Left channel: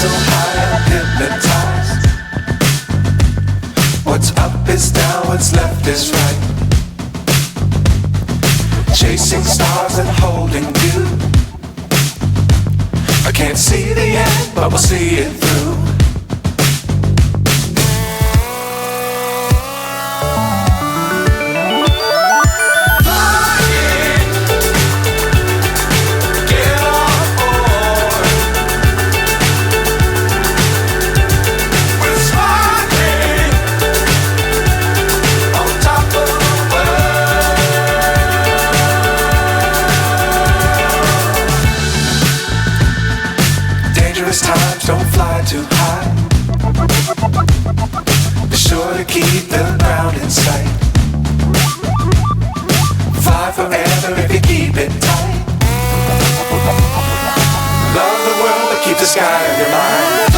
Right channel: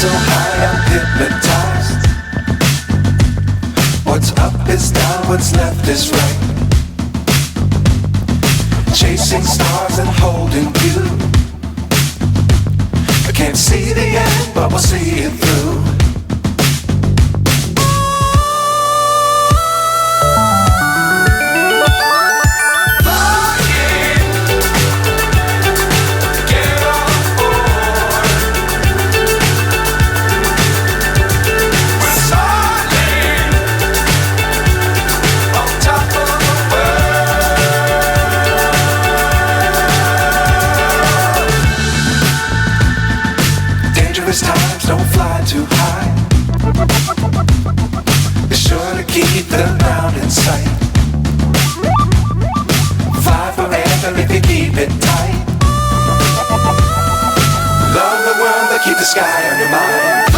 So high I'm hypnotized. What's up is down, what's left is right. Chasing stars and holding you. I can't see the end, but we'll see it through. Dangerous times, don't fly too high. Be sure to keep the ground in sight. Fly forever if you keep it tight. Love the world, but keep the sky on your mind.